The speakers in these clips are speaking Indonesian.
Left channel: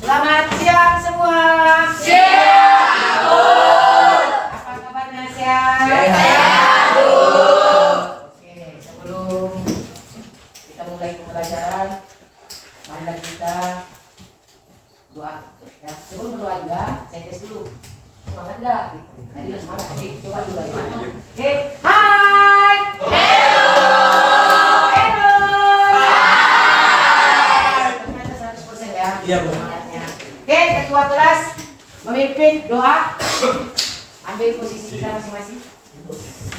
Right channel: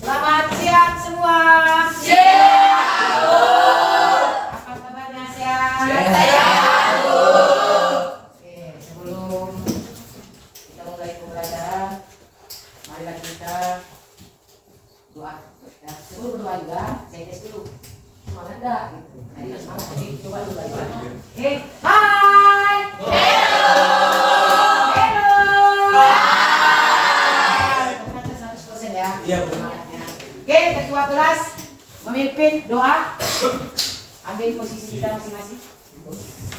Selamat siang semua. Siang, Bu. Apa kabarnya siang? Sehat, Bu. Oke, sebelum kita mulai pembelajaran, marilah kita doa. Ya, sebelum berdoa juga, saya tes dulu. Semangat enggak? Ayo semangat. Oke, coba dulu bagaimana. Oke, hai. Hello. Hello. Hai. Teman-teman 100% ya. Iya, Bu. Semangatnya. Oke, ketua kelas memimpin doa. Ambil posisi kita masing-masing.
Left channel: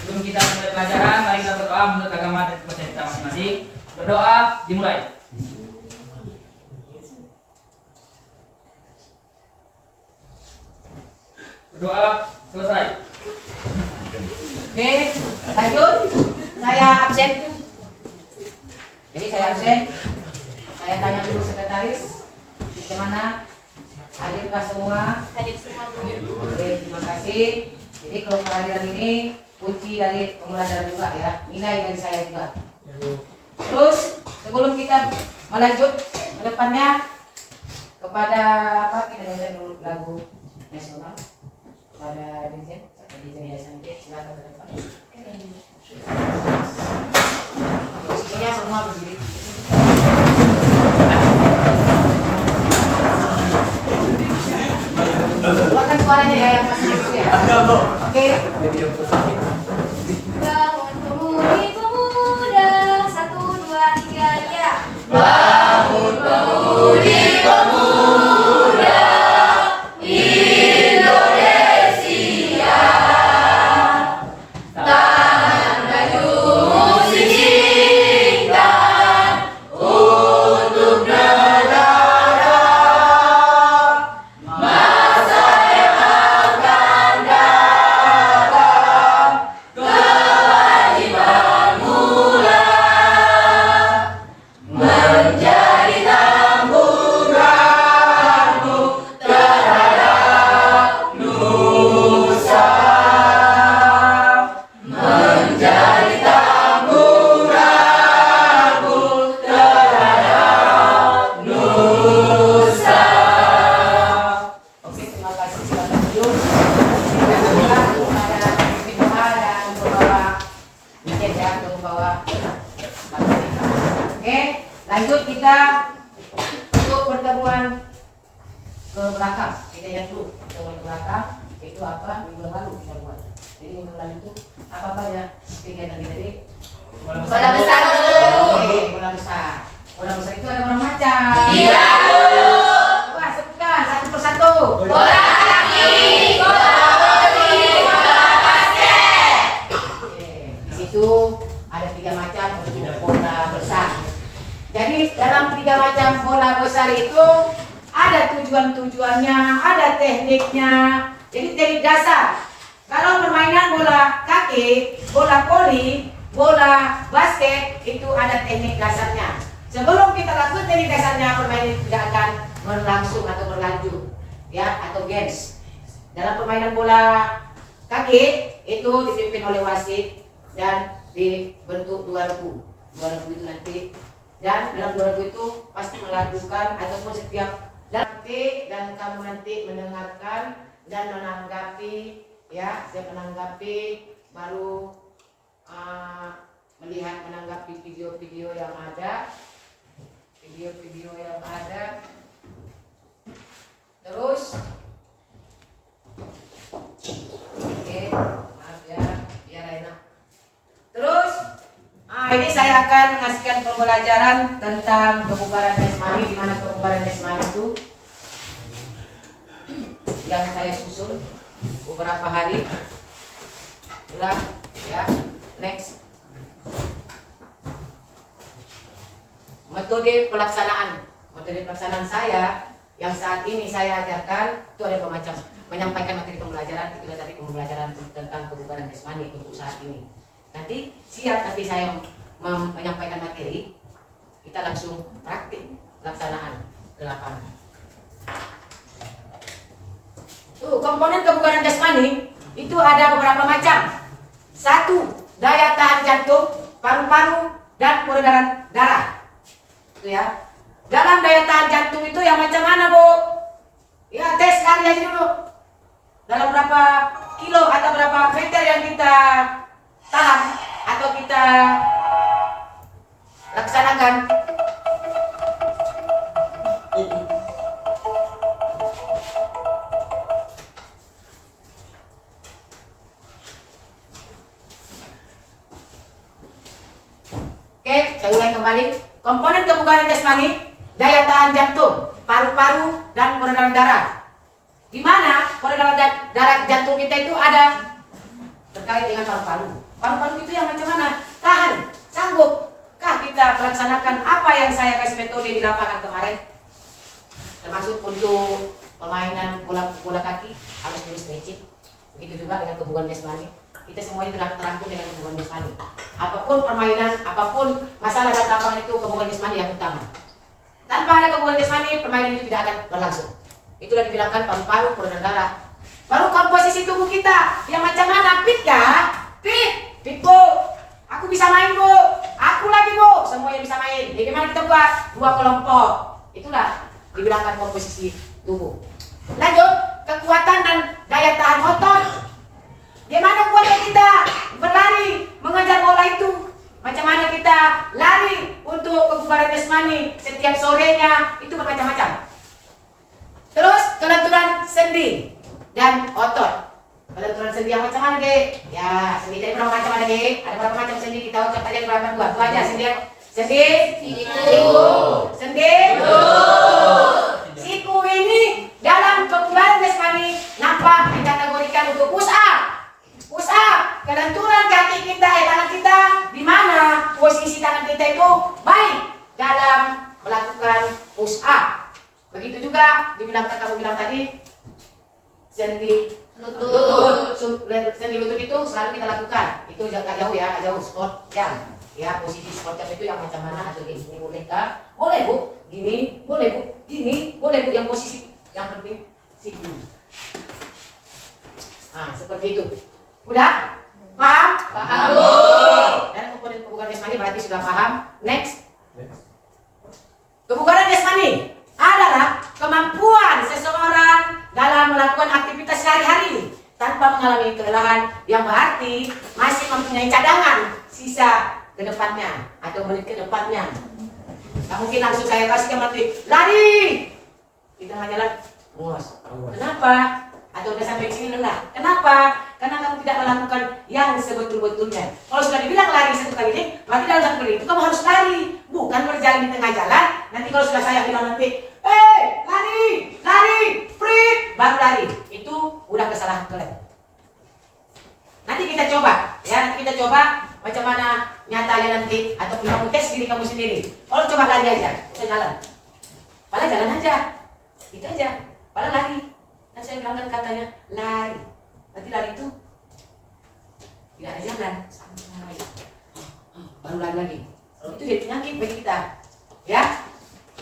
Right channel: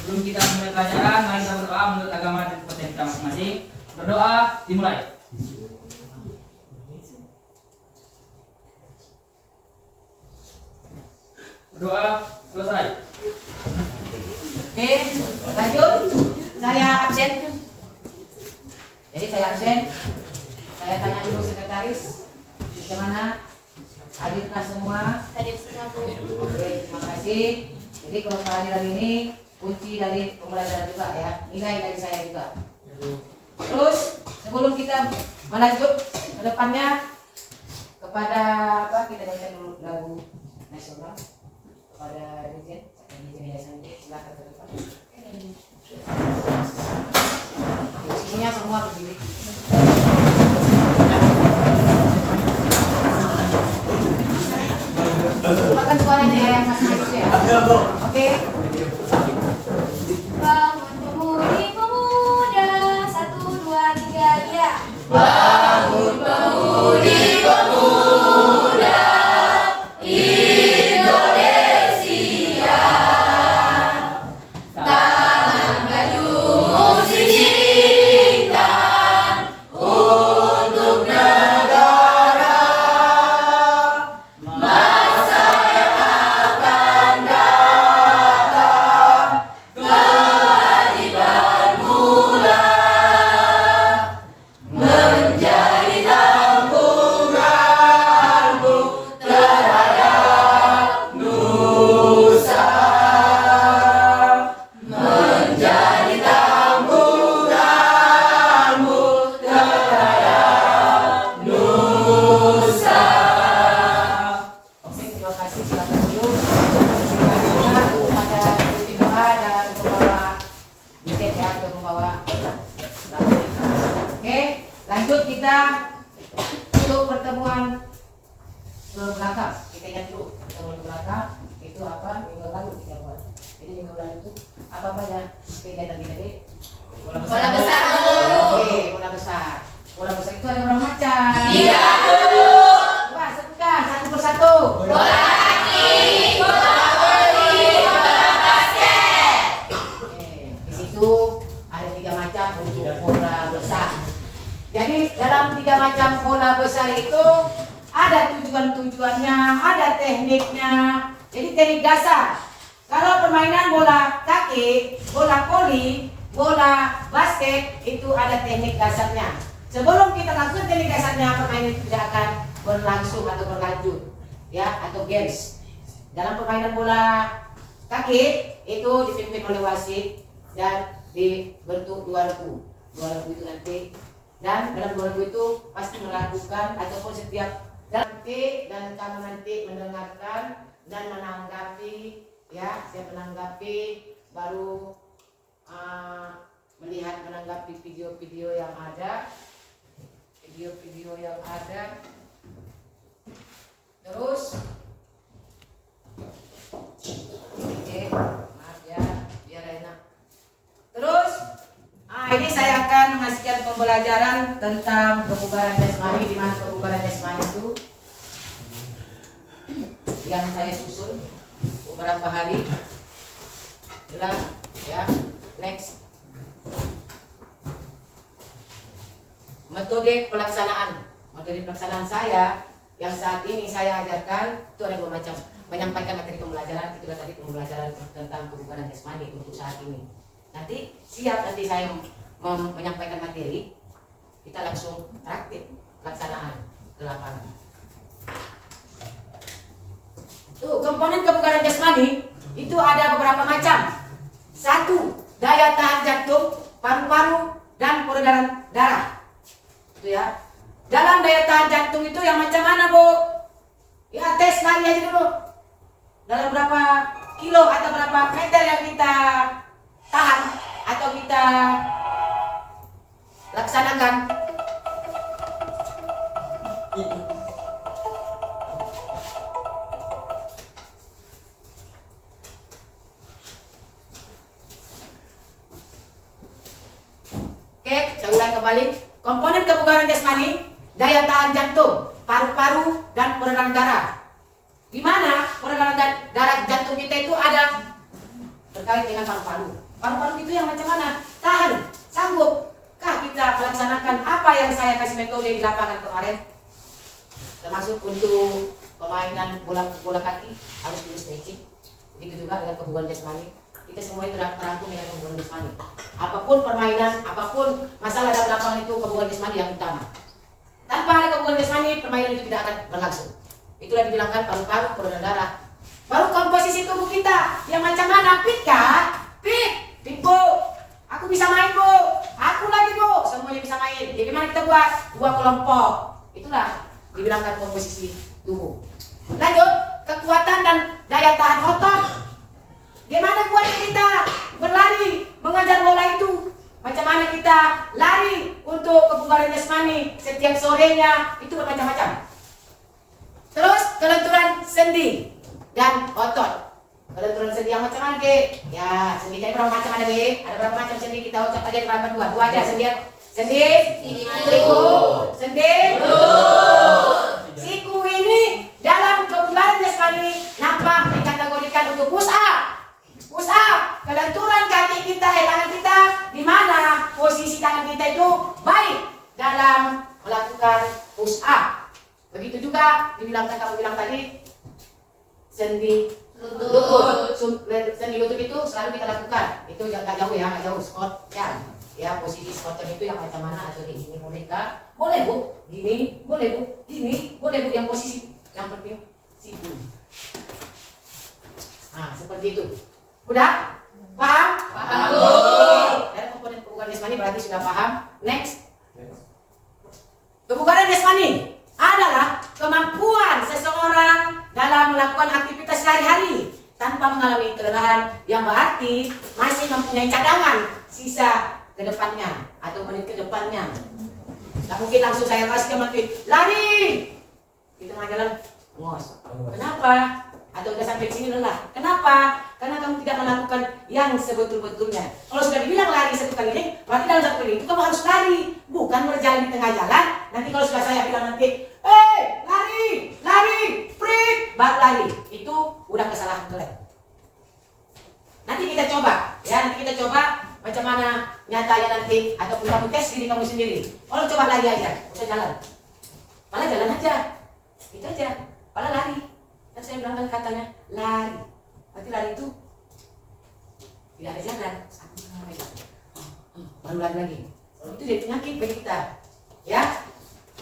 Sebelum kita mulai pelajaran, mari kita berdoa menurut agama dan kepercayaan kita masing-masing. Berdoa dimulai. Berdoa selesai. Oke, lanjut. Saya absen. Jadi saya absen. Saya tanya dulu sekretaris. Bagaimana? Hadirkah semua? Hadir semua, Bu. Oke, terima kasih. Jadi kalau kehadiran ini kunci dari pembelajaran juga ya. Nilai dari saya juga. Terus sebelum kita melanjut ke depannya kepada apa kita nyanyikan lagu nasional kepada Dirjen silakan ke depan. Posisinya semua berdiri. Bukan suaranya ya yang masih itu ya. Oke. Bangun pemuda, 1, 2, 3, ya. Bangun Pemudi pemuda Indonesia, tangan bajumu singkirkan untuk negara, masa yang akan datang, kewajiban mula menjadi tamburanmu terhadap nusa, menjadi tamburanmu terhadap nusa. Oke, terima kasih. Silakan duduk. Kita juga kepada pemimpin doa dan pembawa tiket ya, untuk membawa Oke, lanjut kita untuk pertemuan ke belakang. Kita lihat dulu pertemuan ke belakang itu apa minggu lalu kita buat. Jadi minggu lalu itu apa ya kegiatan kita tadi? Bola besar dulu. Oke, bola besar. Bola besar itu ada berapa macam? Tiga dulu. Coba sebutkan satu persatu. Bola kaki, bola voli, bola basket. Oke, di situ ada 3 macam untuk bola besar. Jadi dalam 3 macam bola besar itu ada tujuannya, ada tekniknya. Jadi teknik dasar. Kalau permainan bola kaki, bola voli, bola basket itu ada teknik dasarnya. Sebelum kita lakukan teknik dasarnya, permainan tidak akan berlangsung atau berlanjut, ya, atau games. Dalam permainan bola kaki itu dipimpin oleh wasit dan dibentuk 2 regu. 2 regu itu nanti, dan dalam 2 regu itu pasti melakukan ataupun setiap nanti, dan kamu nanti mendengarkan dan menanggapi, ya, saya menanggapi baru melihat menanggapi video-video yang ada, terus oke, maaf ya, biar enak. Terus ini saya akan mengasihkan pembelajaran tentang kebugaran jasmani, di mana kebugaran jasmani itu yang saya susun beberapa hari. Ulang ya, next. Metode pelaksanaan saya yang saat ini saya ajarkan itu ada macam menyampaikan materi pembelajaran. Itu tadi pembelajaran tentang kebugaran jasmani untuk saat ini. Nanti siap nanti saya menyampaikan materi, kita langsung praktik pelaksanaan ke lapangan. Tuh, komponen kebugaran jasmani itu ada beberapa macam. 1, daya tahan jantung, paru-paru, dan peredaran darah. Itu ya. dalam daya tahan jantung itu yang macam mana, Bu? Ya, tes lari aja dulu. Dalam berapa kilo atau berapa meter yang kita tahan atau kita laksanakan. Oke, saya ulang kembali. Komponen kebugaran jasmani, daya tahan jantung, paru-paru, dan peredaran darah. Di mana peredaran darah jantung kita itu ada terkait dengan paru-paru. Paru-paru itu yang macam mana? Tahan, sanggupkah kita melaksanakan apa yang saya kasih metode di lapangan kemarin? Termasuk untuk permainan bola kaki harus dulu stretching. Begitu juga dengan kebugaran jasmani. Kita semuanya terangkum dengan kebugaran jasmani. Apapun permainan, apapun masalah dalam lapangan itu kebugaran jasmani yang utama. Tanpa ada kebugaran jasmani, permainan itu tidak akan berlangsung. Itulah dibilangkan paru-paru, peredaran darah. Baru komposisi tubuh kita yang macam mana? Fit kah? Fit Bu. Aku bisa main Bu. Aku lagi Bu. Semuanya bisa main. Jadi gimana kita buat? 2 kelompok. Itulah dibilangkan komposisi tubuh. Lanjut, kekuatan dan daya tahan otot. Gimana buatnya kita berlari, mengajar bola itu? Macam mana kita lari untuk kebugaran jasmani setiap sorenya? Itu bermacam-macam. Terus kelenturan sendi dan otot. Kelenturan sendi yang macam mana, Dek? Ya, sendi tadi berapa macam ada, Dek? Ada berapa macam sendi? Kita ucap aja berapa dua? Dua aja sendi. Siku. Sendi. Siku ini dalam kebugaran jasmani nampak dikategorikan untuk push up. Push up, kelenturan kaki kita, tangan kita, di mana posisi tangan kita itu baik dalam melakukan push up. Begitu juga dibilangkan kamu bilang tadi sendi lutut. Sendi lutut itu selalu kita lakukan. Itu agak jauh ya, agak jauh squat jam. Ya, posisi squat jam itu yang macam mana atau ini bolehkah? Boleh Bu, gini, boleh Bu, gini, boleh Bu, yang posisi yang penting situ. Nah, seperti itu. Udah? Paham? Paham. Dan komponen kebugaran jasmani berarti sudah paham. Next. Kebugaran jasmani adalah kemampuan seseorang dalam melakukan aktivitas sehari-hari tanpa mengalami kelelahan, yang berarti masih mempunyai cadangan sisa ke depannya atau menit ke depannya. Tidak mungkin langsung saya kasih ke mati, lari! Di tengah jalan, ngos. Kenapa? Atau udah sampai di sini lelah. Kenapa? Karena kamu tidak melakukan yang sebetul-betulnya. Kalau sudah dibilang lari 1 kali ini, berarti dalam 1 kali itu kamu harus lari, bukan berjalan di tengah jalan. Nanti kalau sudah saya bilang nanti, lari, prit, baru lari. Itu udah kesalahan kalian. Nanti kita coba, ya. Nanti kita coba macam mana nyatanya nanti, ataupun kamu tes diri kamu sendiri. Kalau coba lari aja, usah jalan. Malah jalan aja, itu aja. Malah lari. Dan saya bilang kan katanya lari. Nanti lari itu tidak ada jalan, baru lari lagi. Itu jadi penyakit bagi kita, ya.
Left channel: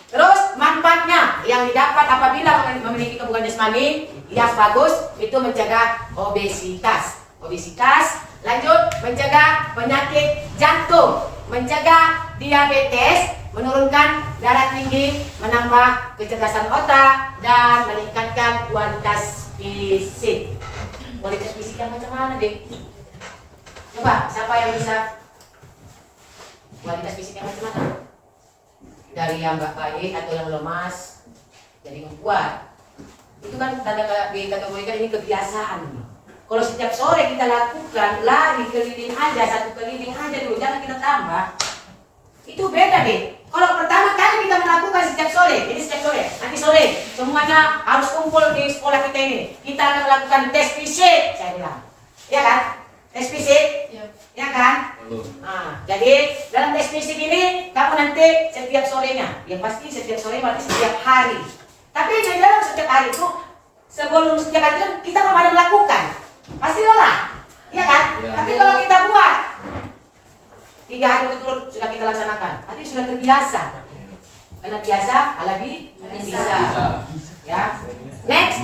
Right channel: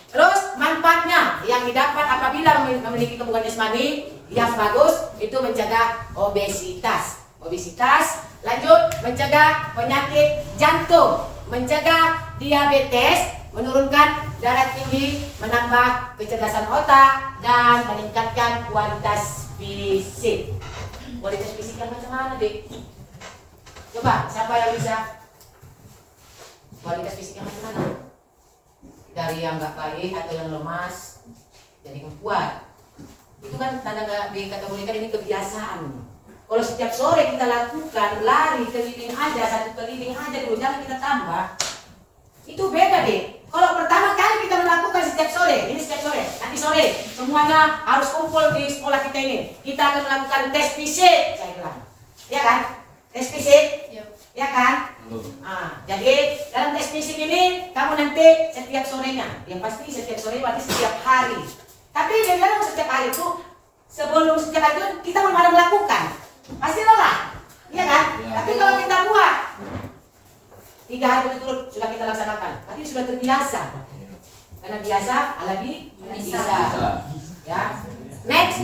Terus manfaatnya yang didapat apabila memiliki kebugaran jasmani yang bagus itu mencegah obesitas. Lanjut, mencegah penyakit jantung, mencegah diabetes, menurunkan darah tinggi, menambah kecerdasan otak, dan meningkatkan kualitas fisik. Kualitas fisik yang macam mana, Dek? Coba, siapa yang bisa? Kualitas fisik yang macam mana? Dari yang nggak baik atau yang lemas jadi kuat. Itu kan dikategorikan ini kebiasaan. Kalau setiap sore kita lakukan lari keliling aja, 1 keliling aja dulu, jangan kita tambah. Itu beda, Dek. Kalau pertama kali kita melakukan setiap sore, ini setiap sore, nanti sore semuanya harus kumpul di sekolah kita ini. Kita akan melakukan tes fisik, saya bilang, ya kan? Tes fisik, ya kan? Nah, jadi dalam tes fisik ini kamu nanti setiap sorenya, yang pasti setiap sore berarti setiap hari. Tapi dalam setiap hari itu, sebelum setiap hari itu kita belum melakukan, pasti lelah, ya kan? Tapi kalau kita buat 3 hari berturut sudah kita laksanakan, berarti sudah terbiasa. Karena biasa, alami bisa. Ya. Next.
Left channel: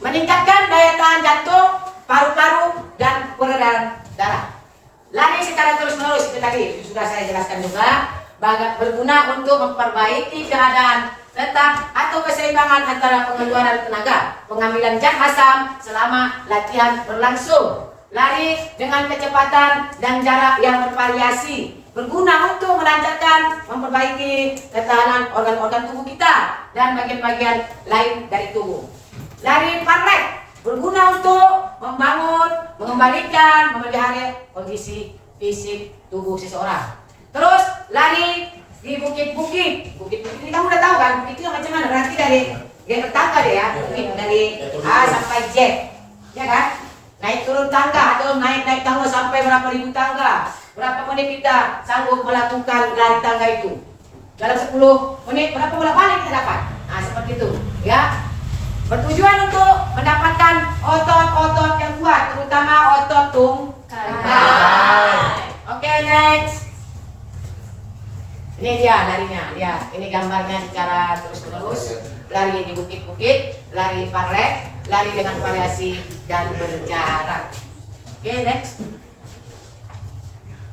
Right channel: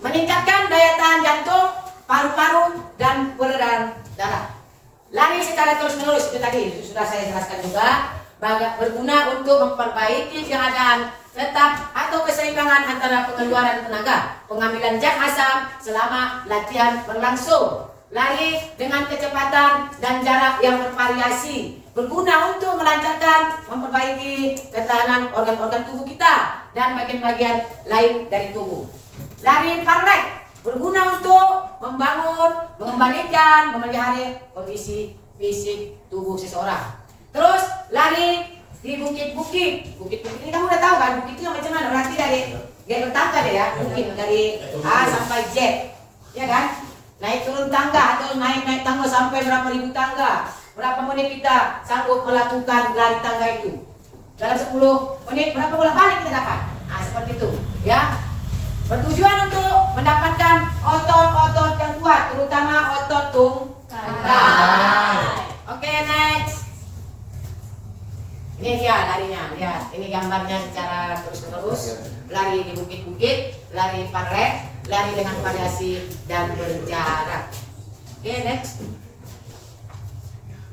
Meningkatkan daya tahan jantung, paru-paru, dan peredaran darah. Lari secara terus-menerus, itu tadi sudah saya jelaskan juga. berguna untuk memperbaiki keadaan tetap atau keseimbangan antara pengeluaran tenaga, pengambilan zat asam selama latihan berlangsung. Lari dengan kecepatan dan jarak yang bervariasi, berguna untuk melancarkan, memperbaiki ketahanan organ-organ tubuh kita dan bagian-bagian lain dari tubuh. Lari parlek berguna untuk membangun, mengembalikan, memelihara kondisi fisik tubuh seseorang. Terus lari di bukit-bukit. Bukit-bukit ini kamu udah tahu kan? Bukit itu macam mana? Berarti dari pertama deh ya, bukit dari A sampai Z, ya kan? Naik turun tangga atau naik tangga sampai berapa ribu tangga. Berapa menit kita sanggup melakukan lari tangga itu? Dalam 10 menit berapa bola balik kita dapat? Nah, seperti itu, ya. Bertujuan untuk mendapatkan otot-otot yang kuat, terutama otot tungkai. Oke, next. Ini dia larinya, lihat. Ini gambarnya secara terus-menerus. Lari di bukit-bukit, lari parlek, lari dengan variasi dan berjarak. Oke, next.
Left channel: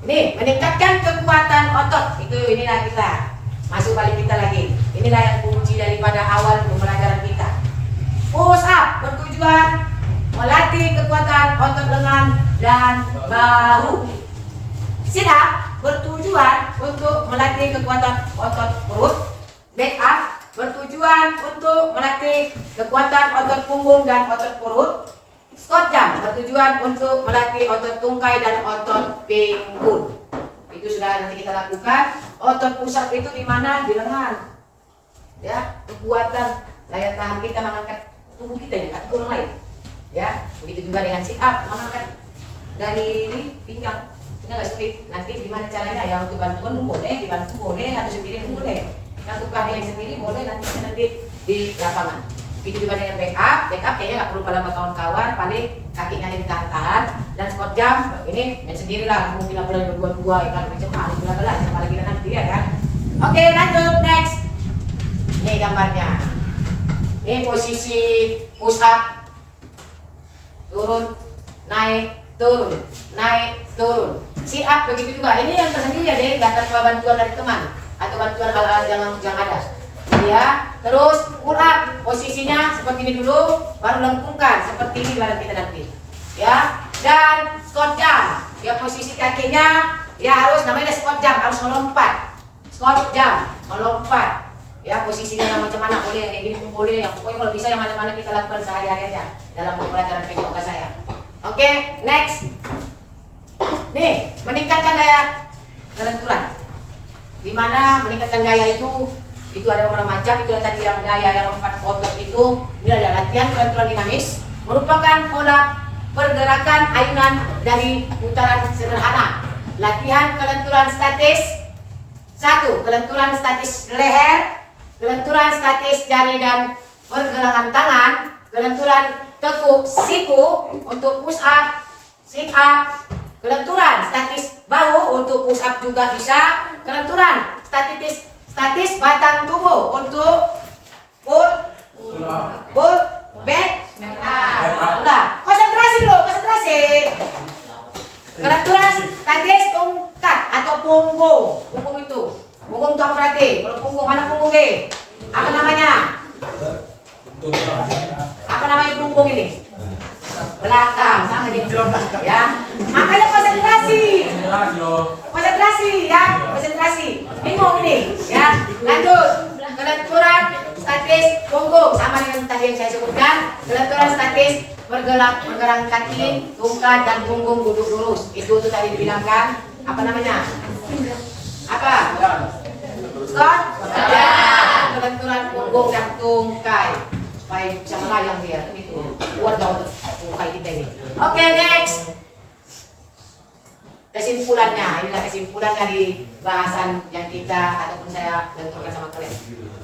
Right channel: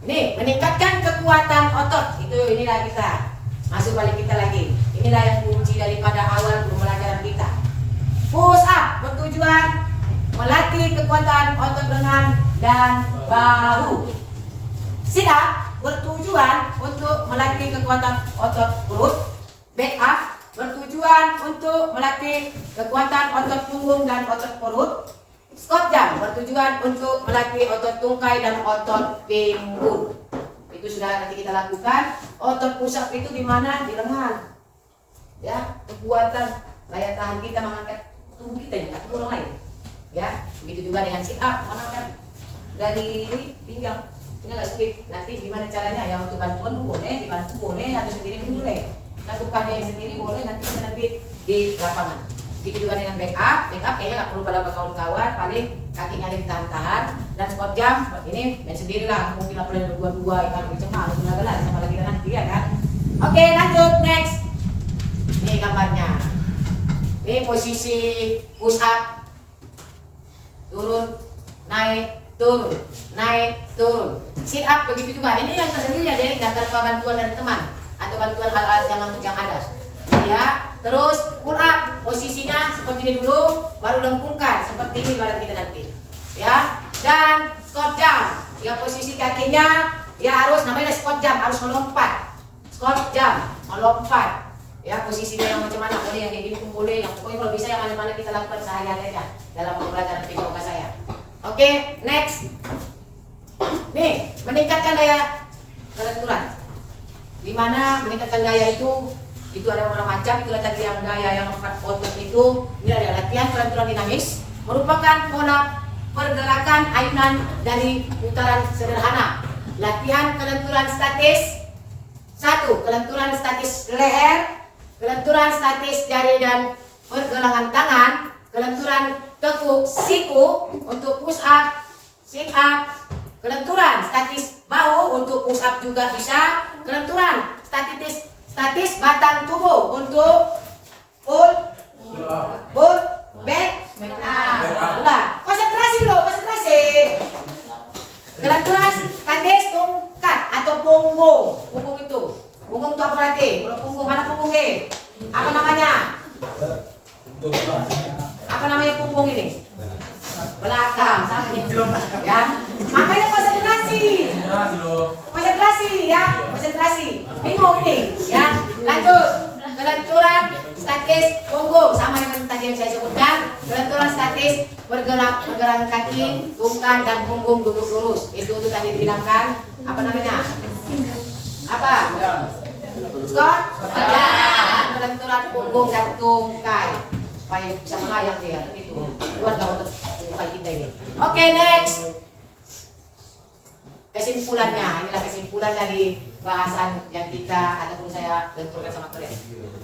Ini meningkatkan kekuatan otot. Inilah kita. Masuk balik kita lagi. Inilah yang kunci daripada awal pembelajaran kita. Push up bertujuan melatih kekuatan otot lengan dan bahu. Sit up bertujuan untuk melatih kekuatan otot perut. Back up bertujuan untuk melatih kekuatan otot punggung dan otot perut. Squat jump bertujuan untuk melatih otot tungkai dan otot pinggul. Itu sudah nanti kita lakukan. Otot push up itu di mana? Di lengan. Ya, kekuatan daya tahan kita mengangkat tubuh kita ya, kaki orang lain. Ya, begitu juga dengan sit up, mengangkat dari pinggang. Ini nggak speak. Nanti gimana caranya? Yang untuk bantuan boleh, dibantu boleh, atau sendiri boleh. Lakukan yang sendiri boleh, nanti di lapangan. Begitu juga dengan back up kayaknya nggak perlu pada kawan-kawan, paling kakinya ditahan-tahan. Dan squat jump ini main sendiri lah, mungkin nggak pernah berdua-dua, ya kan berjemaah, benar-benar sama lagi nanti ya kan. Oke, lanjut next. Ini gambarnya. Ini posisi push up, turun, naik, turun, naik, turun. Sit up begitu juga. Ini yang tersendiri ya, deh, nggak tanpa bantuan dari teman atau bantuan hal-hal yang ada. Ya, terus pull up posisinya seperti ini dulu, baru lengkungkan seperti ini badan kita nanti. Ya, dan squat jump. Ya, posisi kakinya ya harus namanya squat jump, harus melompat. Squat jump, melompat. Ya, posisinya yang macam mana, boleh yang kayak gini pun boleh, yang pokoknya kalau bisa yang mana-mana kita lakukan sehari-harinya dalam pembelajaran PJOK saya. Oke, next. Nih, meningkatkan daya kelenturan. Di mana meningkatkan gaya itu ada beberapa macam. Itu tadi yang gaya yang lompat otot itu. Ini ada latihan kelenturan dinamis, merupakan pola pergerakan ayunan dari putaran sederhana. Latihan kelenturan statis. 1. Kelenturan statis leher, kelenturan statis jari dan pergelangan tangan, kelenturan tekuk siku untuk push up, sit up, kelenturan statis bahu untuk push up juga bisa, kelenturan statis batang tubuh untuk pull back. Udah, konsentrasi loh, konsentrasi. Kelenturan statis tongkat atau punggung. Punggung itu apa berarti? Kalau punggung, mana punggung deh? Apa namanya? Apa namanya punggung ini? Belakang, sama gitu. Ya, makanya konsentrasi. Konsentrasi ya, konsentrasi. Bingung nih, ya. Lanjut. Kelenturan statis punggung sama dengan tadi yang saya sebutkan. Kelenturan statis pergerak kaki, tungkai dan punggung duduk lurus. Itu tadi dibilangkan. Apa namanya? Apa? Squat. Ya. Kelenturan punggung dan tungkai supaya bisa melayang dia. Itu buat untuk tungkai kita ini. Oke, next. Kesimpulannya, inilah kesimpulan dari bahasan yang kita ataupun saya benturkan sama kalian.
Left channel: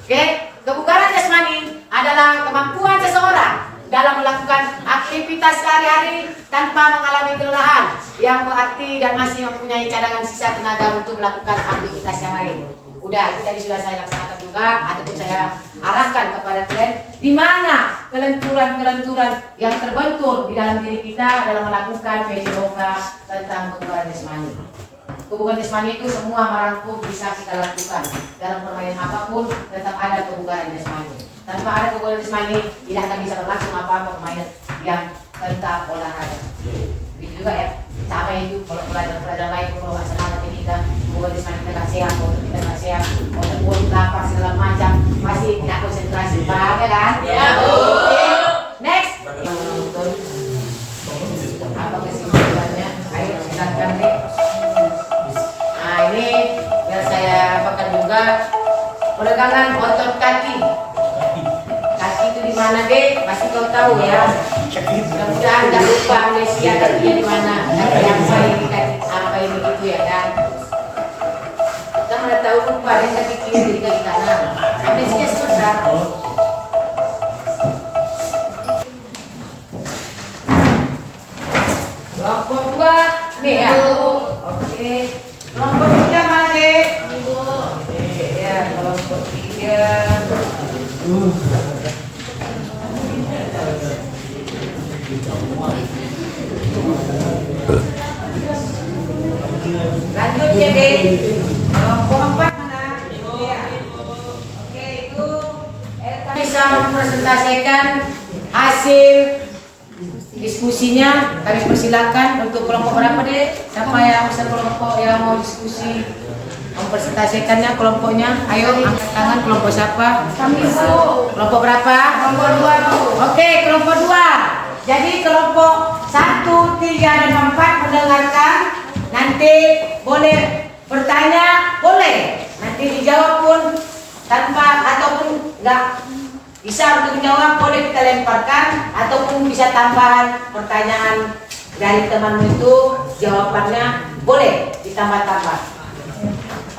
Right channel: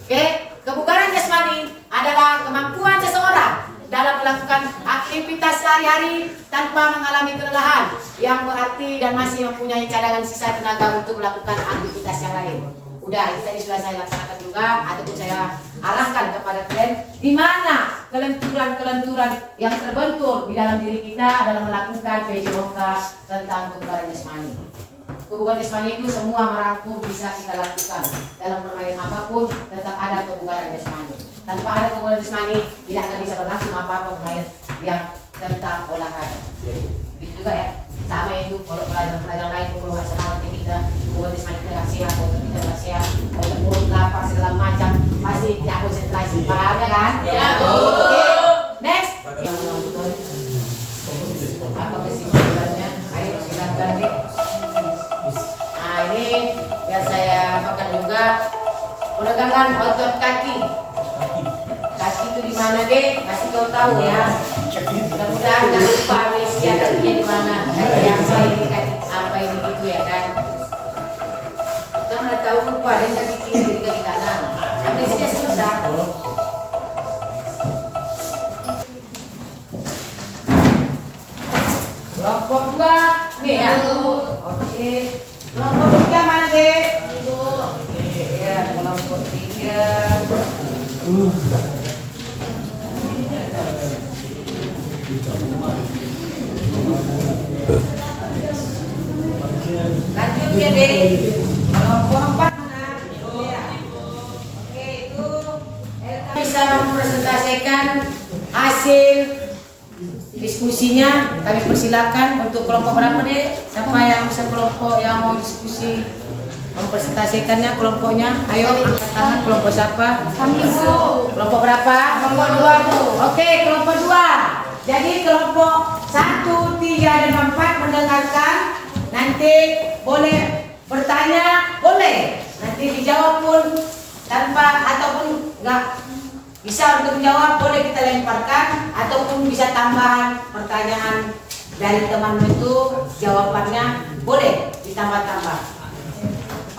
Oke, kebugaran jasmani adalah kemampuan seseorang dalam melakukan aktivitas sehari-hari tanpa mengalami kelelahan, yang berarti dan masih mempunyai cadangan sisa tenaga untuk melakukan aktivitas yang lain. Udah, itu tadi sudah saya laksanakan juga ataupun saya arahkan kepada kalian di mana kelenturan-kelenturan yang terbentur di dalam diri kita dalam melakukan PJOK tentang kebugaran jasmani. Kebugaran jasmani itu semua merangkum bisa kita lakukan dalam permainan apapun, tetap ada kebugaran jasmani. Tanpa ada kebugaran jasmani tidak akan bisa berlangsung apa-apa permainan yang tentang olahraga. Begitu juga ya, sama itu kalau pelajaran lain kalau nggak semangat ini kita kebugaran jasmani kita nggak sehat, otot kita nggak sehat, otot mulut lapar segala macam masih tidak konsentrasi, paham ya kan? Ya, Bu. Oke, next. Yang menonton apa kesimpulannya? Ayo silakan nih. Nah ini biar saya apakan juga peregangan otot kaki. Kaki itu di mana deh? Pasti kau tahu ya. Mudah agak lupa amnesia kakinya di mana. Yang saya ini kaki apa ini gitu ya kan? Kita nggak tahu lupa deh kaki kiri jadi kaki kanan. Amnesia susah. Kelompok dua nih ya. Oke. Kelompok tiga mana deh? Ya, kelompok tiga. Lanjut ya deh. Kelompok empat mana? Ya. Oke itu bisa mempresentasikan hasil diskusinya. Kami persilakan untuk kelompok berapa deh? Siapa yang bisa kelompok yang mau diskusi mempresentasikannya kelompoknya? Ayo angkat tangan, kelompok siapa? Kami, Bu. Kelompok berapa? Kelompok dua, Bu. Oke, kelompok dua. Jadi kelompok 1, 3, dan 4 mendengarkan. Nanti boleh bertanya, boleh. Nanti dijawab pun tanpa ataupun nggak bisa untuk menjawab, boleh kita lemparkan ataupun bisa tambahan pertanyaan dari teman itu, jawabannya boleh ditambah-tambah.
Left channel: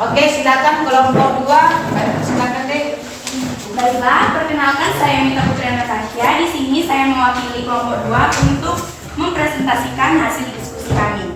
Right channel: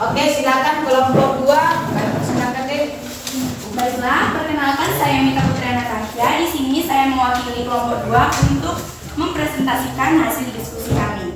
Oke, silakan kelompok 2. Silakan deh. Baiklah, perkenalkan saya Mita Putri Natasha. Di sini saya mewakili kelompok 2 untuk mempresentasikan hasil diskusi kami,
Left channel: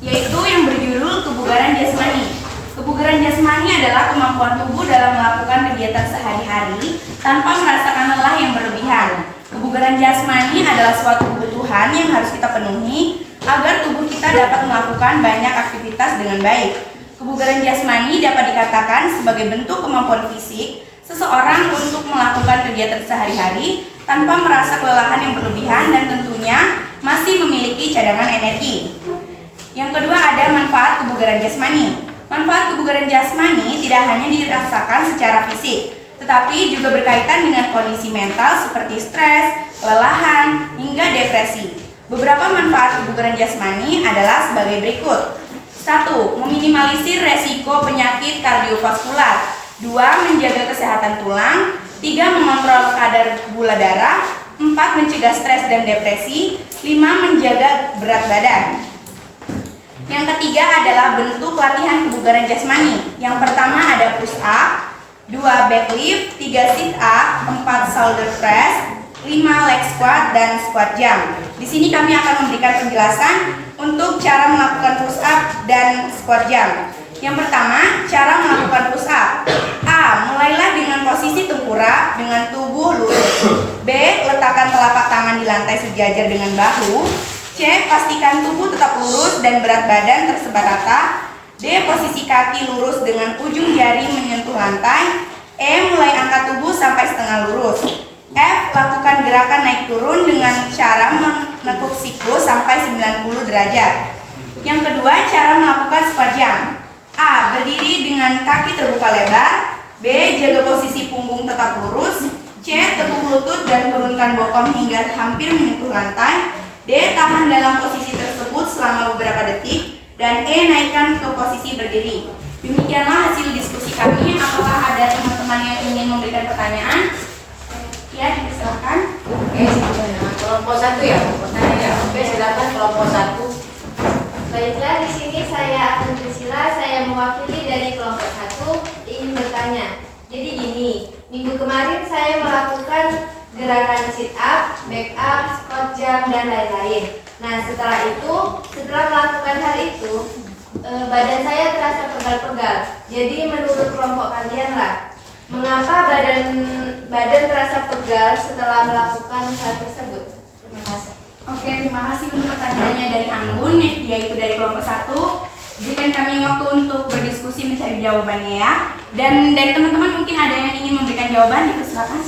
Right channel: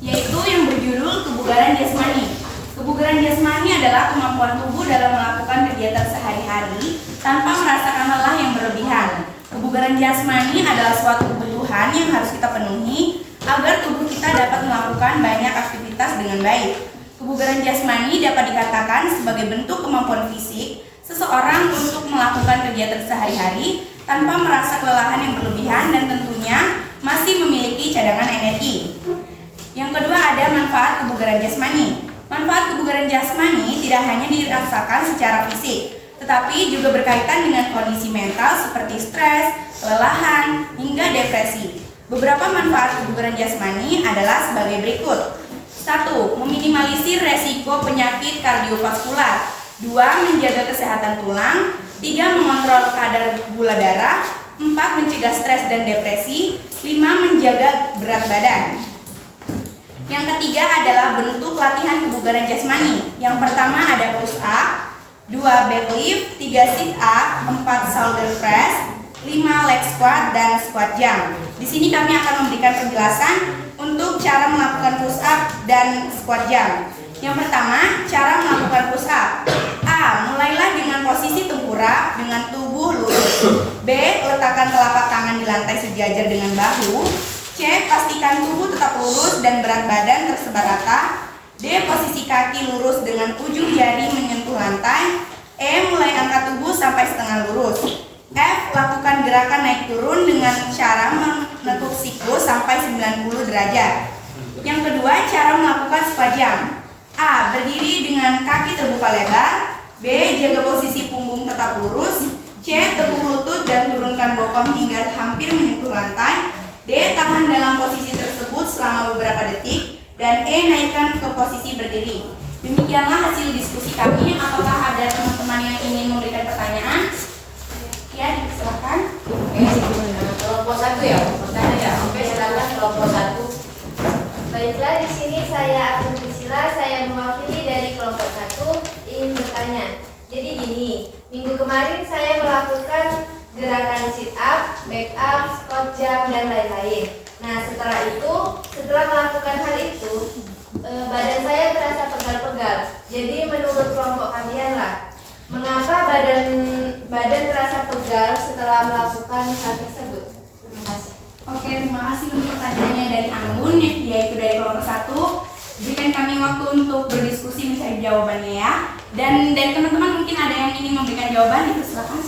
yaitu yang berjudul kebugaran jasmani. Kebugaran jasmani adalah kemampuan tubuh dalam melakukan kegiatan sehari-hari tanpa merasakan lelah yang berlebihan. Kebugaran jasmani adalah suatu kebutuhan yang harus kita penuhi agar tubuh kita dapat melakukan banyak aktivitas dengan baik. Kebugaran jasmani dapat dikatakan sebagai bentuk kemampuan fisik seseorang untuk melakukan kegiatan sehari-hari tanpa merasa kelelahan yang berlebihan dan tentunya masih memiliki cadangan energi. Yang kedua ada manfaat kebugaran jasmani. Manfaat kebugaran jasmani tidak hanya dirasakan secara fisik, tetapi juga berkaitan dengan kondisi mental seperti stres, kelelahan, hingga depresi. Beberapa manfaat kebugaran jasmani adalah sebagai berikut. 1. Meminimalisir resiko penyakit kardiovaskular. 2. Menjaga kesehatan tulang. 3. Mengontrol kadar gula darah. 4. Mencegah stres dan depresi. 5. Menjaga berat badan. Yang ketiga adalah bentuk latihan kebugaran jasmani. Yang pertama ada push up, 2 back lift, 3 sit up, 4 shoulder press, 5 leg squat, dan squat jump. Di sini kami akan memberikan penjelasan untuk cara melakukan push up dan squat jump. Yang pertama, cara melakukan push up. A. Mulailah dengan posisi tengkurap dengan tubuh lurus. B. Letakkan telapak tangan di lantai sejajar dengan bahu. C. Pastikan tubuh tetap lurus dan berat badan tersebar rata. D. Posisi kaki lurus dengan ujung jari menyentuh lantai. E. Mulai angkat tubuh sampai setengah lurus. F. Lakukan gerakan naik turun dengan cara menekuk siku sampai 90 derajat. Yang kedua, cara melakukan squat jump. A. Berdiri dengan kaki terbuka lebar. B. Jaga posisi punggung tetap lurus. C. Tekuk lutut dan turunkan bokong hingga hampir menyentuh lantai. D. Tahan dalam posisi tersebut selama beberapa detik. Dan E. Naikkan ke posisi berdiri. Demikianlah hasil diskusi kami. Apakah ada teman-teman yang ingin memberikan pertanyaan? Ya, dipersilakan. Oke, kelompok 1 ya, pertanyaan ya. Oke, silakan kelompok 1. Baiklah, di sini saya Akan Priscilla, saya mewakili dari kelompok 1 ingin bertanya. Jadi gini, minggu kemarin saya melakukan gerakan sit up, back up, squat jump, dan lain-lain. Nah, setelah melakukan hal itu, badan saya terasa pegal-pegal. Jadi menurut kelompok kalian lah, mengapa badan terasa pegal setelah melakukan hal tersebut? Terima kasih. Oke, terima kasih untuk pertanyaannya dari Anggun, yaitu dari kelompok 1. berikan kami waktu untuk berdiskusi mencari jawabannya ya. Dan dari teman-teman mungkin ada yang ingin memberikan jawaban, itu silakan.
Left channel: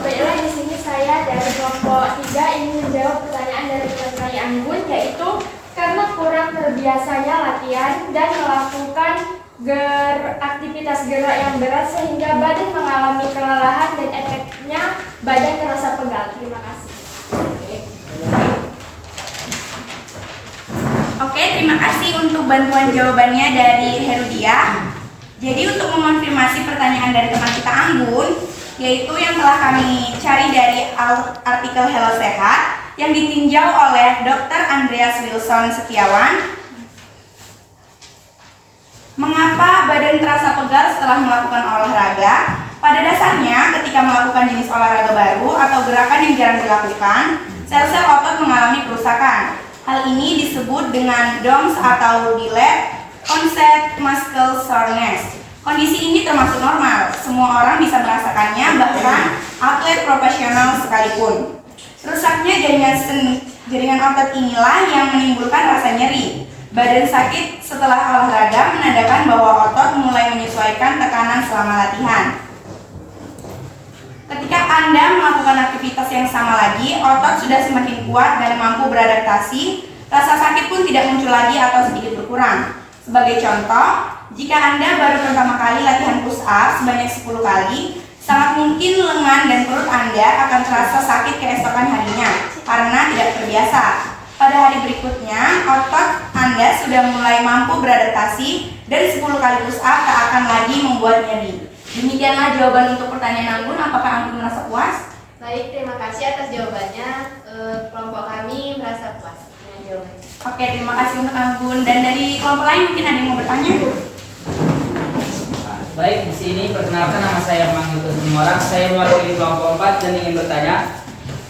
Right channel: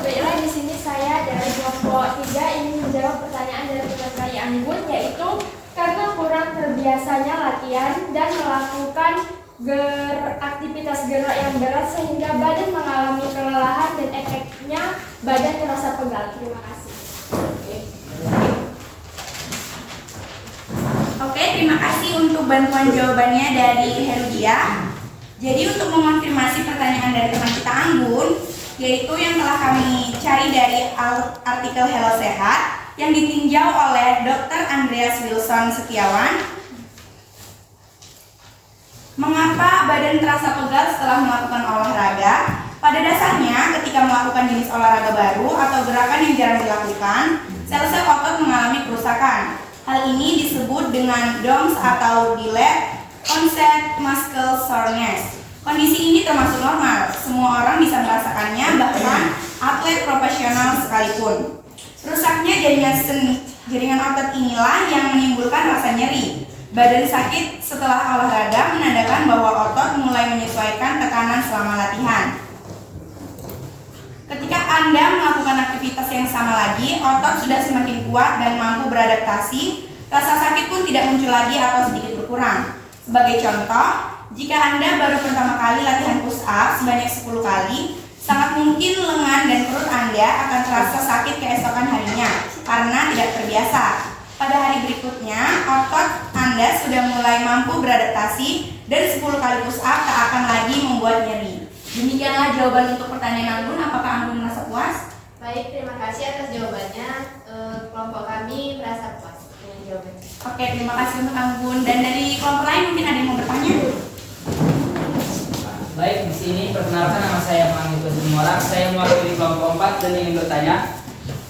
Baiklah, di sini saya dari kelompok 3 ingin menjawab pertanyaan dari teman kami Anggun, yaitu karena kurang terbiasanya latihan dan melakukan aktivitas gerak yang berat sehingga badan mengalami kelelahan dan efeknya badan terasa pegal. Terima kasih. Oke, terima kasih untuk bantuan jawabannya dari Herudia. Jadi untuk mengonfirmasi pertanyaan dari teman kita Anggun, yaitu yang telah kami cari dari artikel Hello Sehat yang ditinjau oleh Dr. Andreas Wilson Setiawan. Mengapa badan terasa pegal setelah melakukan olahraga? Pada dasarnya, ketika melakukan jenis olahraga baru atau gerakan yang jarang dilakukan, sel-sel otot mengalami kerusakan. Hal ini disebut dengan DOMS atau Delayed Onset Muscle Soreness. Kondisi ini termasuk normal, semua orang bisa merasakannya, bahkan atlet profesional sekalipun. Rusaknya jaringan otot inilah yang menimbulkan rasa nyeri. Badan sakit setelah olahraga menandakan bahwa otot mulai menyesuaikan tekanan selama latihan. Ketika Anda melakukan aktivitas yang sama lagi, otot sudah semakin kuat dan mampu beradaptasi, rasa sakit pun tidak muncul lagi atau sedikit berkurang. Sebagai contoh, jika Anda baru pertama kali latihan push up sebanyak 10 kali, sangat mungkin lengan dan perut Anda akan terasa sakit keesokan harinya karena tidak terbiasa. Pada hari berikutnya, otot Anda sudah mulai mampu beradaptasi dan 10 kali push up tak akan lagi membuat nyeri. Demikianlah jawaban untuk pertanyaan Anggun. Apakah Anggun merasa puas? Baik, terima kasih atas jawabannya. Kelompok kami merasa puas dengan jawabannya. Oke, terima kasih untuk Anggun. Dan dari kelompok lain mungkin ada yang mau bertanya? Baik, di sini perkenalkan, nama saya Manggil Orang. Saya mewakili kelompok 4 dan ingin bertanya.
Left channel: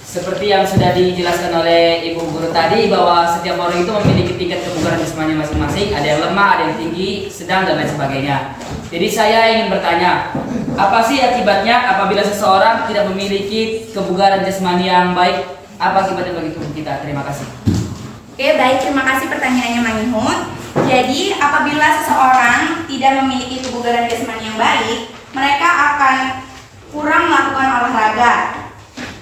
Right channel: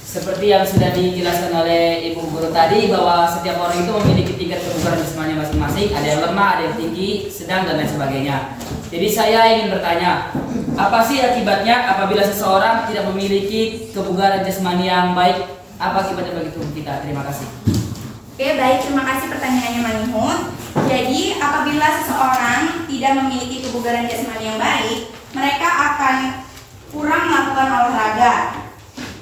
Seperti yang sudah dijelaskan oleh Ibu Guru tadi, bahwa setiap orang itu memiliki tingkat kebugaran jasmani masing-masing. Ada yang lemah, ada yang tinggi, sedang, dan lain sebagainya. Jadi saya ingin bertanya, apa sih akibatnya apabila seseorang tidak memiliki kebugaran jasmani yang baik? Apa akibatnya bagi tubuh kita? Terima kasih. Oke, baik, terima kasih pertanyaannya Manihun. Jadi apabila seseorang tidak memiliki kebugaran jasmani yang baik, mereka akan kurang melakukan olahraga.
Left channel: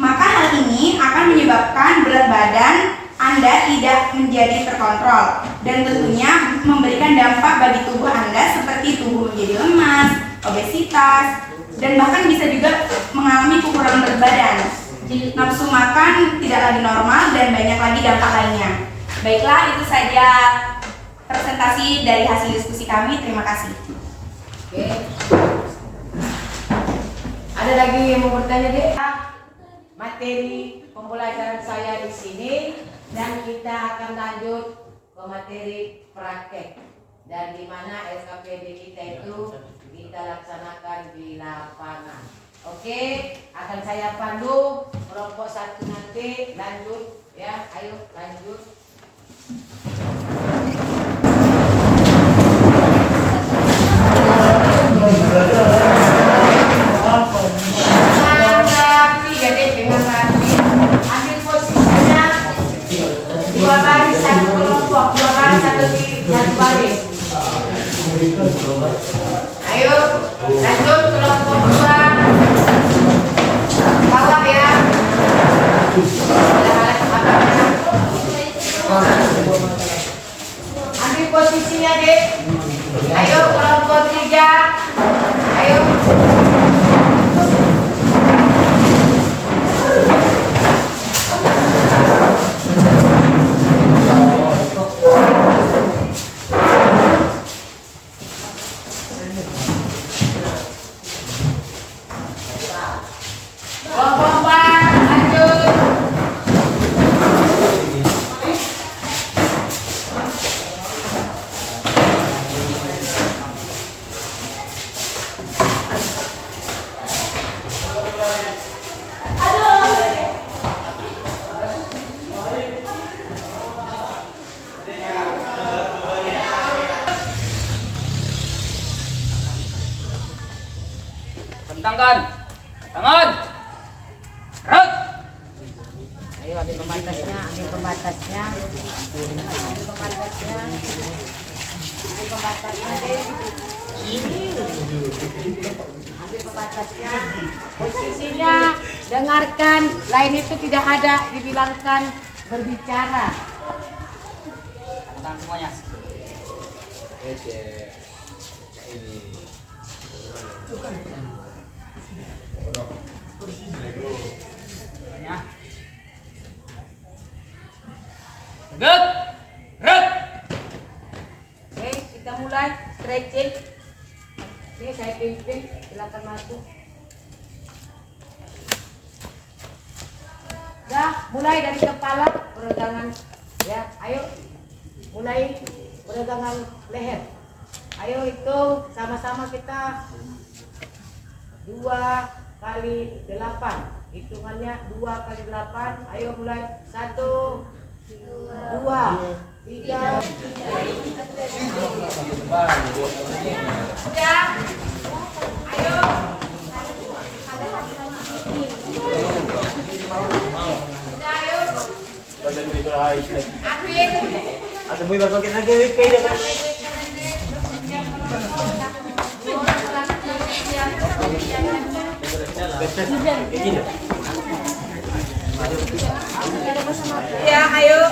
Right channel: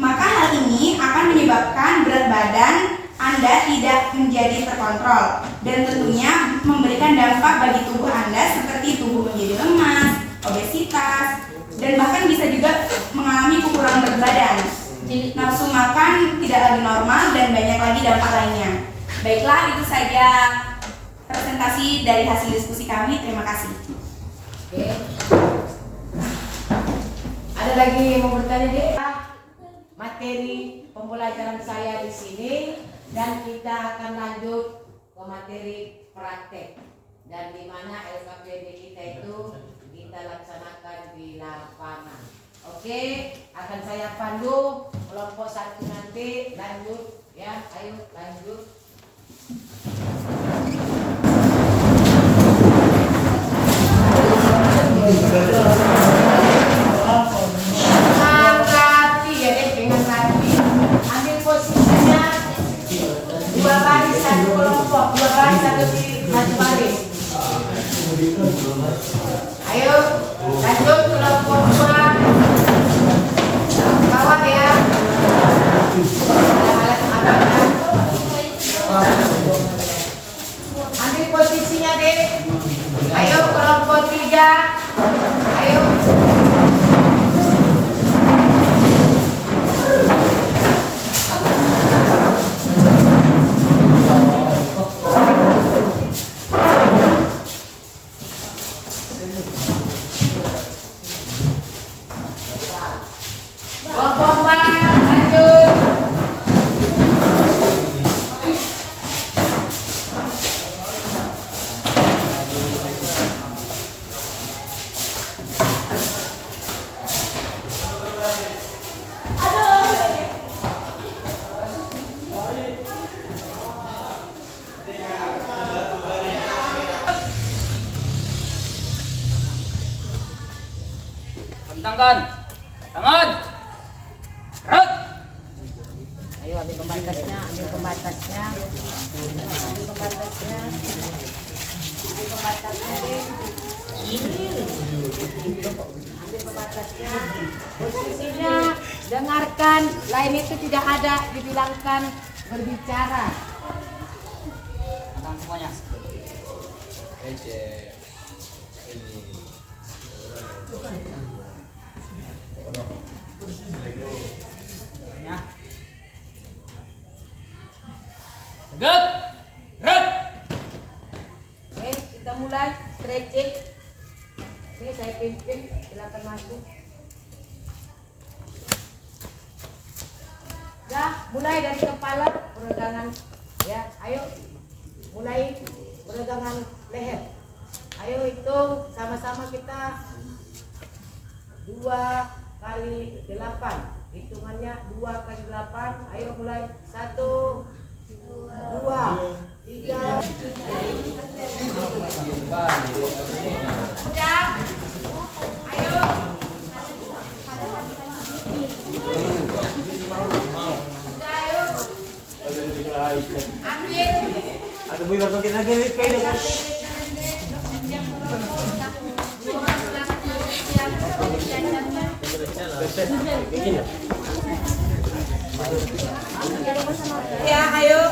Maka hal ini akan menyebabkan berat badan Anda tidak menjadi terkontrol dan tentunya memberikan dampak bagi tubuh Anda seperti tubuh menjadi lemas, obesitas, dan bahkan bisa juga mengalami kekurangan berat badan. Nafsu makan tidak lagi normal dan banyak lagi dampak lainnya. Baiklah, itu saja presentasi dari hasil diskusi kami. Terima kasih. Oke. Ada lagi yang mau bertanya deh? Materi pembelajaran saya di sini dan kita akan lanjut ke materi praktek dan di mana SKPD kita itu kita laksanakan di lapangan. Oke, akan saya pandu kelompok 1 nanti lanjut ya, ayo lanjut. Ambil posisinya 2 baris 1 kelompok, 2 baris 1 baris. Ayo lanjut kelompok 2 bawah ya. Ambil posisinya deh. Ayo kelompok 3. Ayo. Kelompok 4 lanjut. Bentangkan tangan. Gerak. Ayo ambil pembatasnya, ambil pembatasnya. Ambil pembatasnya. Ambil pembatasnya deh. Ambil pembatasnya. Posisinya dengarkan, lain itu tidak ada dibilangkan berbicara. Tangan semuanya. Ya. Good. Good. Oke, kita mulai stretching. Ini saya pimpin, silakan masuk. Dah, mulai dari kepala, peregangan. Ya, ayo. Mulai peregangan leher. Ayo hitung sama-sama kita 2 kali 8. Hitungannya 2 kali 8. Ayo mulai 1, 2, 3. Udah. Ayo. Udah, ayo. Ambil. Ya, ayo.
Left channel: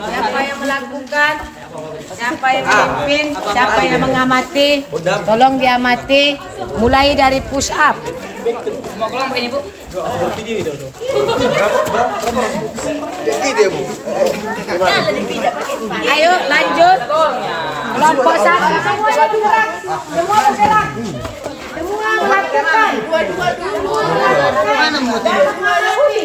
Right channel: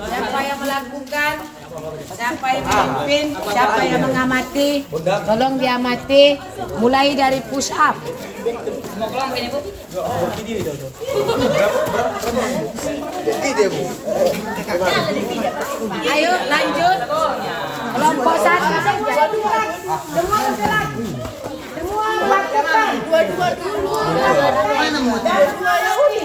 Siapa yang melakukan? Siapa yang memimpin? Siapa yang mengamati? Tolong diamati. Mulai dari push up. Mau pulang begini, Bu? Ayo lanjut. Kelompok 1 semua bergerak. Semua bergerak. Semua melakukan. Dua-dua dulu. Dua-dua lagi.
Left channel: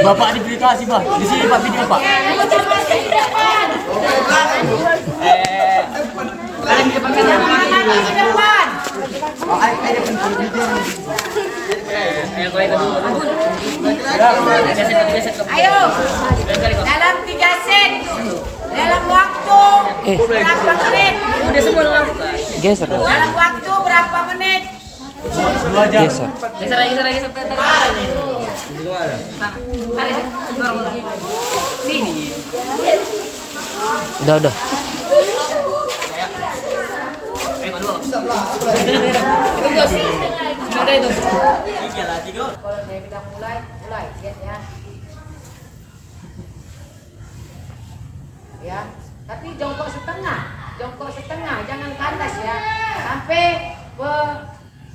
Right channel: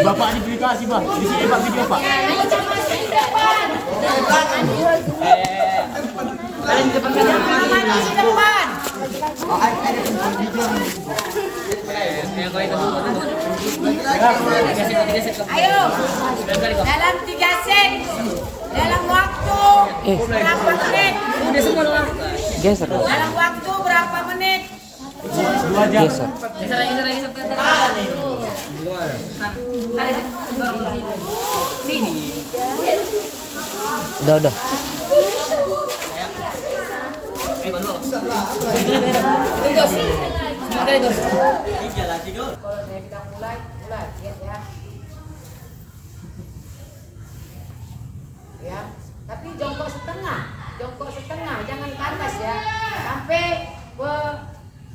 Bapak diplikasi Bang, di sini Pak video Pak. Ayo, dalam 3 set, dalam waktu berapa menit? Geser. Dalam waktu berapa menit? Geser. Geser lagi. Udah. Kalau saya bilang mulai, lihat ya. Ya, tapi jongkok setengah, jangan kandas ya. Sampai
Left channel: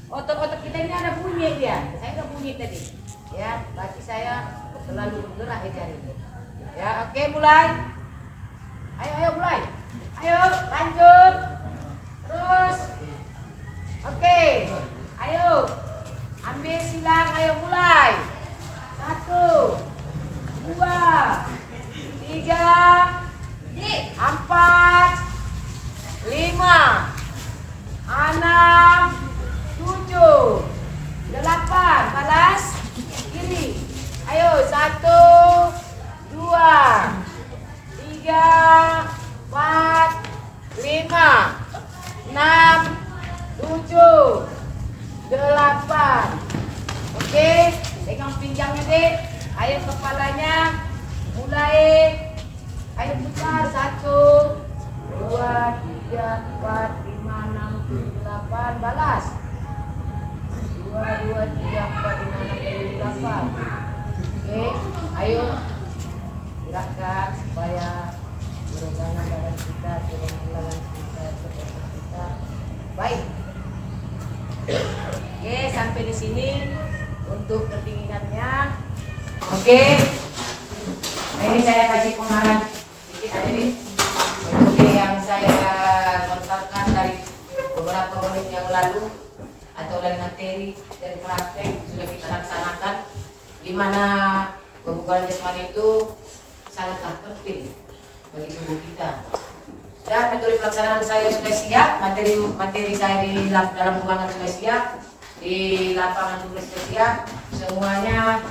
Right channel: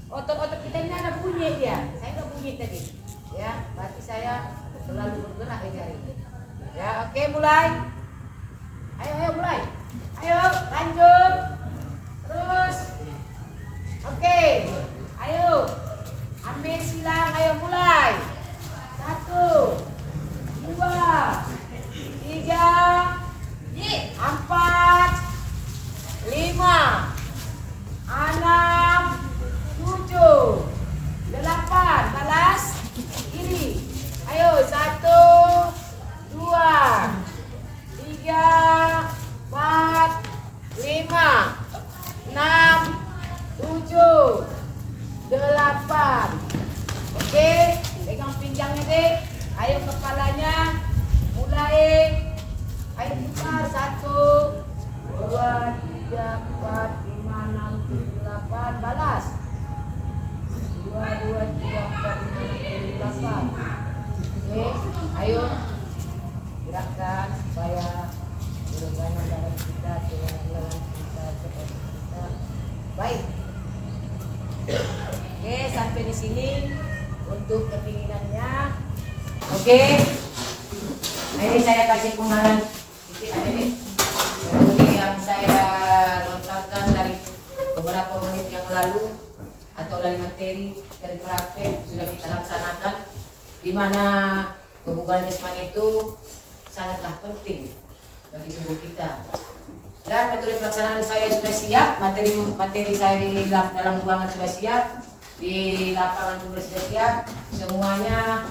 otot-otot kita ini ada bunyi dia. Saya nggak bunyi tadi. Ya, berarti saya selalu bergerak ini hari ini. Ya, oke mulai. Ayo mulai. Ayo lanjut. Terus. Oke. Ayo. Ambil silang, ayo mulai. 1, 2, 3, 4, 5, 6, 7, 8. Balas kiri. Ayo 1, 2, 3, 4, 5, 6, 7, 8. Oke, pegang pinggangnya deh. Ayo kepalanya. Mulai. Ayo putar 1, 2, 3, 4, 5, 6, 7, 8. Balas 2, 3, 4, 5, 6, 7, 8. Oke, ayo gerakkan supaya peregangan badan kita, tulang-tulang kita, seperti kita. Baik. Oke, sampai di sini untuk ketinggiannya. Oke. Ini saya kasih pengarahan sedikit aja nih. Seperti yang saya lontarkan dari beberapa menit yang lalu atau dari materi dari praktek sudah kita laksanakan, di mana kebugaran jasmani itu sangatlah penting bagi tubuh kita. Dan metode pelaksanaan saya sudah siap, materi saya di dalam ruangan sudah siap, di lapangan juga sudah siap. Semuanya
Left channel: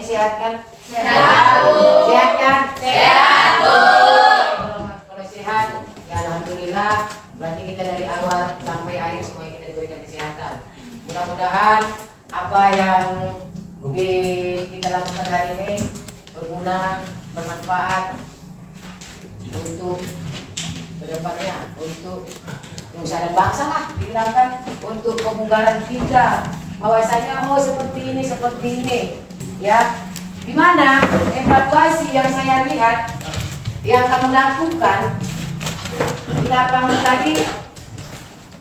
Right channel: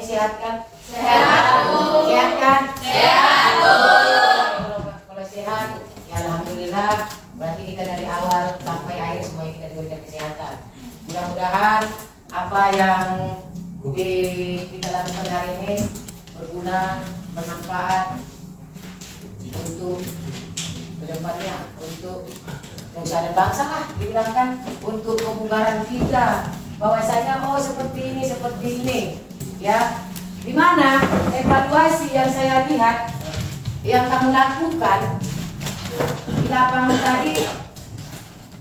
sehat kan? Sehat kan? Sehat. Kalau sehat, ya alhamdulillah. Berarti kita dari awal mudah-mudahan apa yang kita lakukan hari ini berguna, bermanfaat untuk kedepannya, untuk nusa dan bangsa lah, dibilangkan untuk pemunggaran kita bahwasanya seperti ini ya. Dimana evaluasi yang saya lihat yang kamu lakukan di lapangan tadi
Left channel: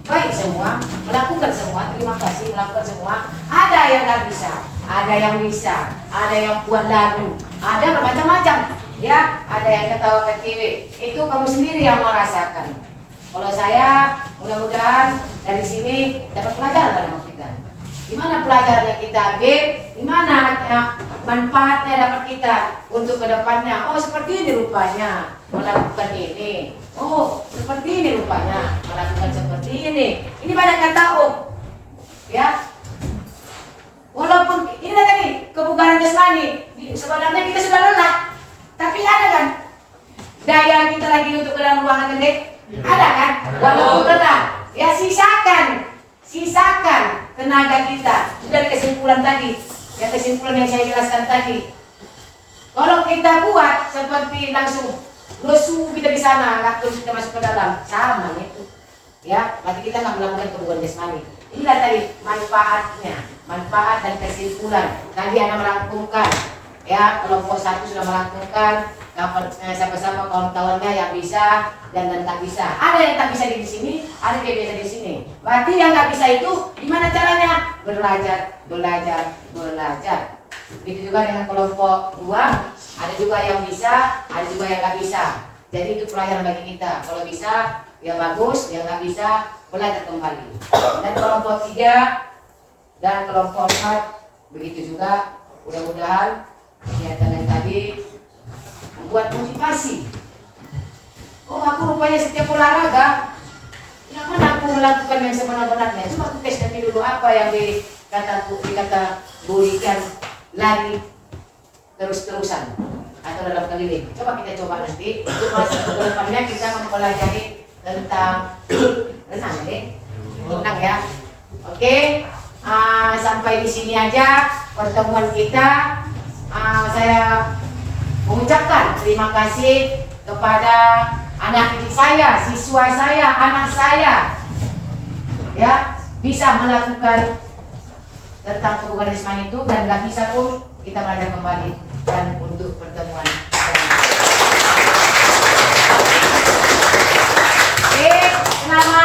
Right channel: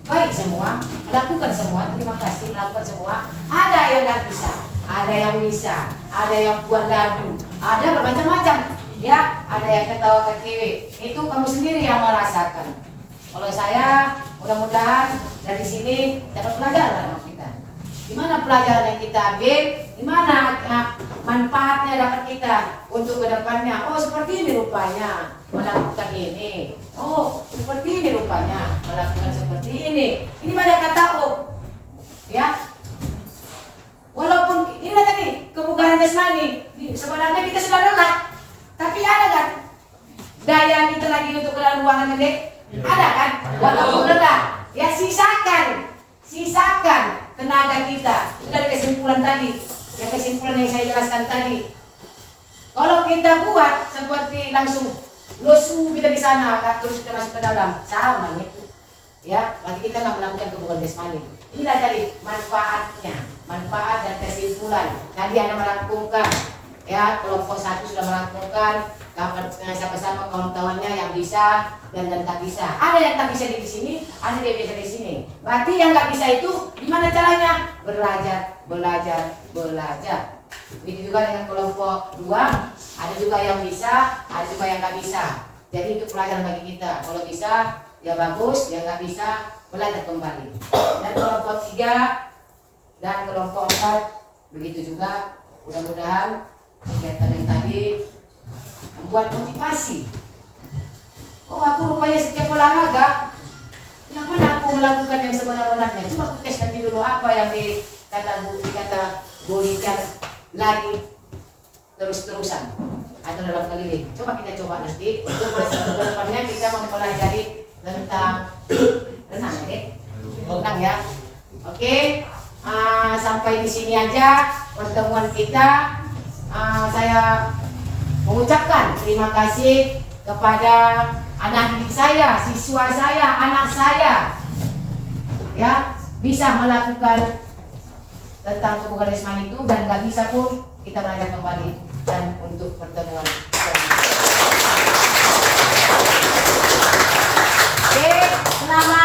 baik semua, melakukan semua, terima kasih melakukan semua. Ada yang nggak bisa, ada yang bisa, ada yang buat lagu, ada bermacam-macam ya, ada yang ketawa ketiwi, itu kamu sendiri yang merasakan. Kalau saya mudah-mudahan dari sini dapat pelajaran dalam kita. Gimana pelajaran yang kita ambil, gimana manfaatnya dapat kita untuk kedepannya. Seperti ini rupanya melakukan ini. Seperti ini rupanya melakukan seperti ini. Ini banyak kata ya. Walaupun ini tadi kebugaran jasmani, sebenarnya kita sudah lelah, tapi ada kan daya kita lagi untuk ke dalam ruangan gede, ada kan? Walaupun lelah, ya sisakan tenaga kita. Dari kesimpulan tadi, yang kesimpulan yang saya jelaskan tadi. Kalau kita buat seperti langsung lesu kita di sana, nggak terus kita masuk ke dalam, sama itu. Ya, berarti kita nggak melakukan kebugaran jasmani. Inilah tadi manfaatnya, manfaat dan kesimpulan. Tadi anak melakukan, ya kelompok 1 sudah melakukan, sama-sama kawan-kawannya yang bisa dan tak bisa. Ada yang tak bisa di sini, ada yang bisa di sini. Berarti yang nggak bisa itu gimana caranya? Belajar. Itu juga dengan kelompok 2, ada juga yang bisa, ada juga yang nggak bisa. Jadi itu pelajaran bagi kita. Kalau bisa, ya bagus. Yang nggak bisa, belajar kembali. Dan kelompok 3 dan kelompok 4 begitu juga. Mudah-mudahan kegiatan yang tadi membuat motivasi. Aku rupanya setiap olahraga, yang mana aku melakukan yang sebenar-benarnya. Coba aku tes nanti dulu apa yang dikata berikan lari terus-terusan atau dalam keliling. Coba kita coba nanti. Untuk masa depannya kita mempelajari tentang renang ya. Oke. Sampai di sini aja pertemuan kita. Saya mengucapkan terima kasih kepada anak didik saya, siswa saya, anak saya, ya bisa melakukan tentang kebugaran jasmani itu, dan nggak bisa pun kita belajar kembali dan untuk pertemuan. Oke, selamat